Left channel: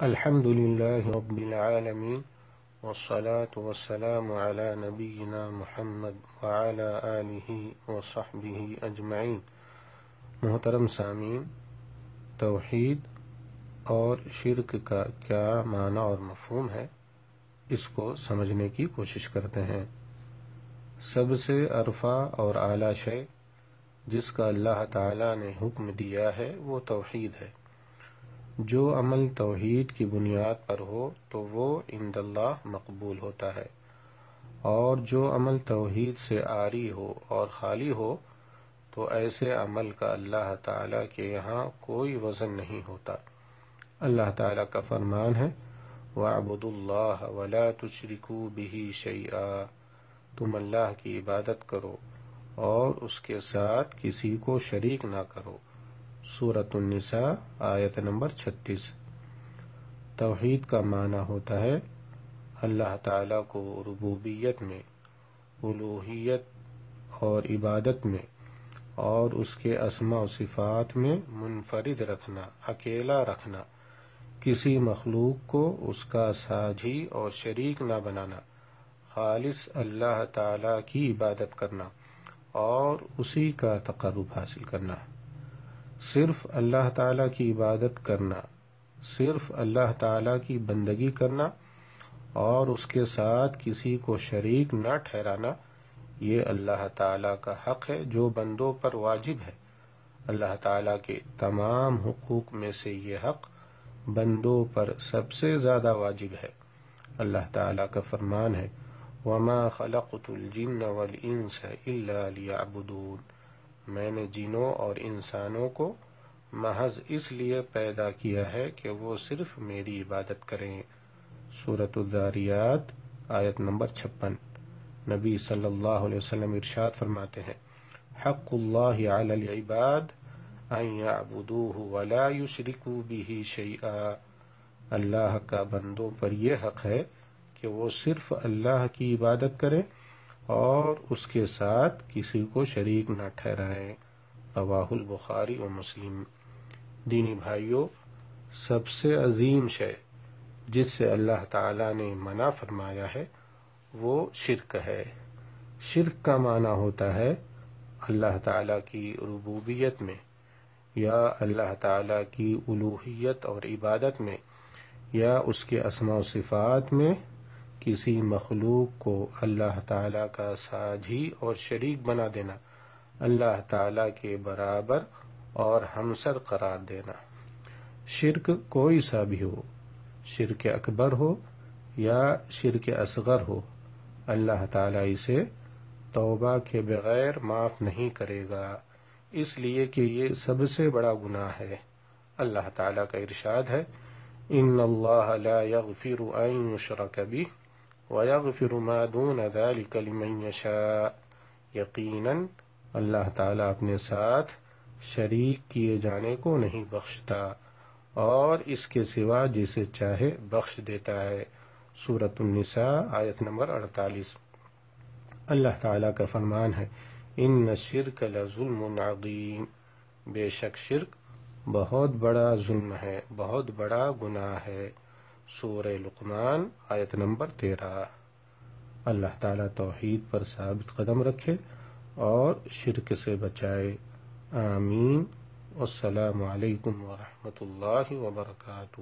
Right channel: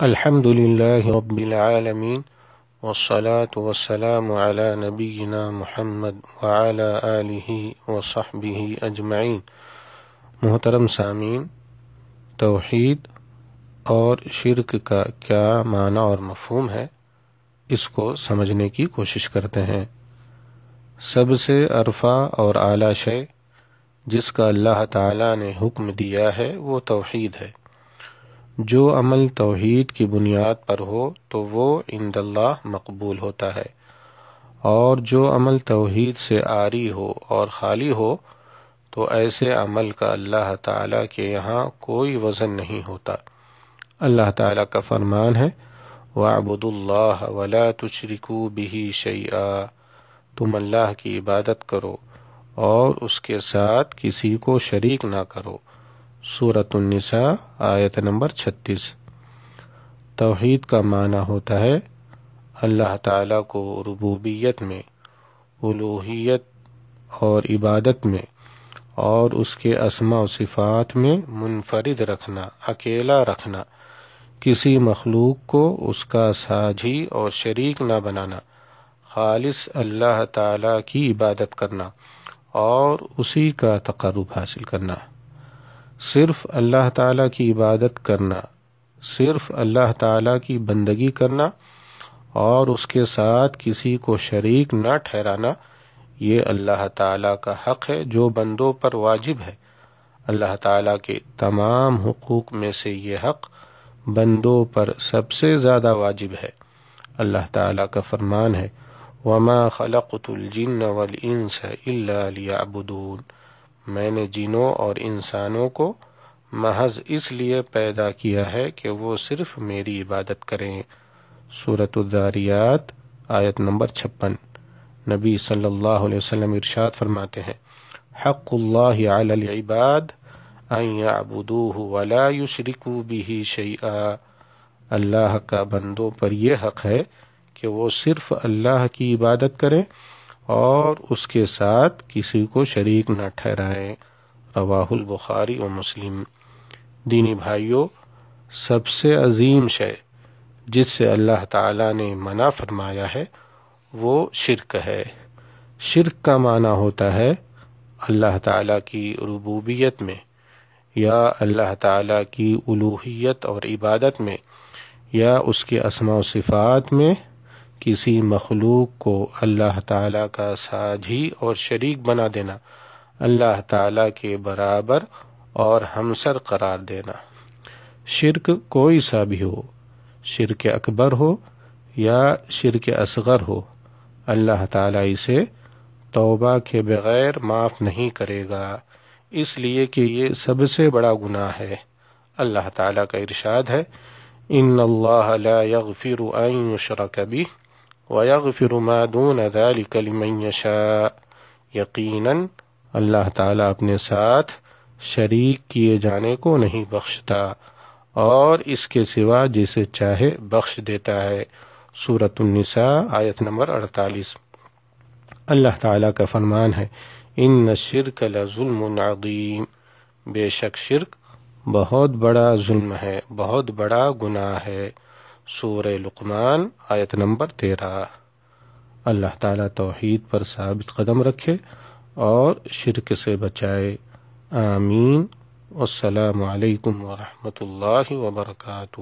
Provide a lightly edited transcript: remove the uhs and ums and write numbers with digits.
الحمد لله رب العالمين والصلاة والسلام على نبينا محمد وعلى آله وصحبه أجمعين۔ محترم سامعین، توحید اور شرک کا کیا معنی اور مفہوم ہے، اس کو سمجھنے کی کوشش کرتے ہیں۔ سب سے عرفہ اور اعلیٰ شے جس کا اللہ تعالیٰ نے حکم دیا ہے وہ توحید ہے۔ جو عمل توحید کی بنیاد پر ہو تو وہ عند اللہ مقبول ہوتا ہے، اور جو عمل توحید سے عاری ہو اور خالی ہو تو ایسے عمل کا اللہ تعالیٰ کے یہاں کوئی وزن نہیں ہوتا۔ اللہ تعالیٰ کا فرمان ہے وَاعْبُدُوا اللَّهَ وَلَا تُشْرِكُوا بِهِ شَيْئًا، تم اللہ کی عبادت کرو اور اس کے ساتھ کسی کو شریک نہ کرو۔ سورۃ النساء آیت نمبر 36۔ توحید کا معنی ہوتا ہے اللہ تعالیٰ کو ربوبیت میں، الوہیت اور عبادت میں اور اس کے اسماء و صفات میں منفرد رکھنا، اکیلا رکھنا، کسی مخلوق کو اس کا ساجھی اور شریک نہ بنانا، خالص اللہ تعالیٰ کی عبادت کرنا اور اسی کا تقرب حاصل کرنا۔ صرف اللہ تعالیٰ کی عبادت کرنا، صرف اللہ تعالیٰ کی بندگی کرنا اور اس کے ساتھ کسی کو شریک نہ ٹھہرانا، یہ اللہ تعالیٰ کا حق ہے جو بندوں پر واجب ہے۔ اللہ تعالیٰ کے تمام حقوق میں سے یہ حق بندوں پر سب سے زیادہ واجب ہے۔ اللہ تعالیٰ کا فرمان ہے وَمَا خَلَقْتُ الْجِنَّ وَالْإِنسَ إِلَّا لِيَعْبُدُونَ، میں نے جنوں اور انسانوں کو محض اس لیے پیدا کیا ہے کہ وہ صرف میری عبادت کریں۔ سورۃ الذاریات آیت نمبر 56۔ نبی صلی اللہ علیہ وسلم ارشاد فرماتے ہیں حق اللہ علی العباد ان یعبدوہ ولا یشرکوا بہ شیئا، اللہ کا بندوں پر یہ حق ہے کہ وہ صرف اللہ کی عبادت کریں اور اس کے ساتھ کسی کو شریک نہ ٹھہرائیں۔ رواہ البخاری و مسلم۔ دینی بھائیوں، سب سے عظیم شے جس سے اللہ تعالیٰ نے منع فرمایا ہے وہ شرک ہے۔ شرک کا معنی ہوتا ہے اللہ تعالیٰ کی ربوبیت میں یا اللہ تعالیٰ کی الوہیت اور عبادت میں یا اس کے اسماء و صفات میں کسی مخلوق کو اللہ تعالیٰ کا ساجھی اور شریک بنا دینا، اللہ تعالیٰ کے برابر اور ہمسر قرار دینا۔ شرک کوئی سا بھی ہو، شرک اکبر ہو یا شرک اصغر ہو، اللہ تعالیٰ اسے توبہ کے بغیر معاف نہیں کرے گا، اس لیے کہ یہ سب سے بڑا گناہ ہے۔ اللہ تعالیٰ کا ارشاد ہے ان اللہ لا یغفر ان یشرک بہ وَيَغْفِرُ مَا دُونَ ذَلِكَ لِمَن يَشَاءُ، یقیناً اللہ تعالیٰ اپنے ساتھ شریک کیے جانے کو نہیں بخشتا اور اس کے سوا جسے چاہے بخش دیتا ہے۔ سورۃ النساء آیت نمبر 48۔ اللہ تعالیٰ کا فرمان ہے ان الشرک لظلم عظیم، بے شک شرک بہت بڑا ظلم ہے، بہت بڑا گناہ ہے۔ سورہ لقمان آیت نمبر 13۔ اللہ تعالیٰ توحید پر ثابت قدم رکھے اور شرک سے بچائے۔ آمین۔ السلام علیکم ورحمۃ اللہ وبرکاتہ۔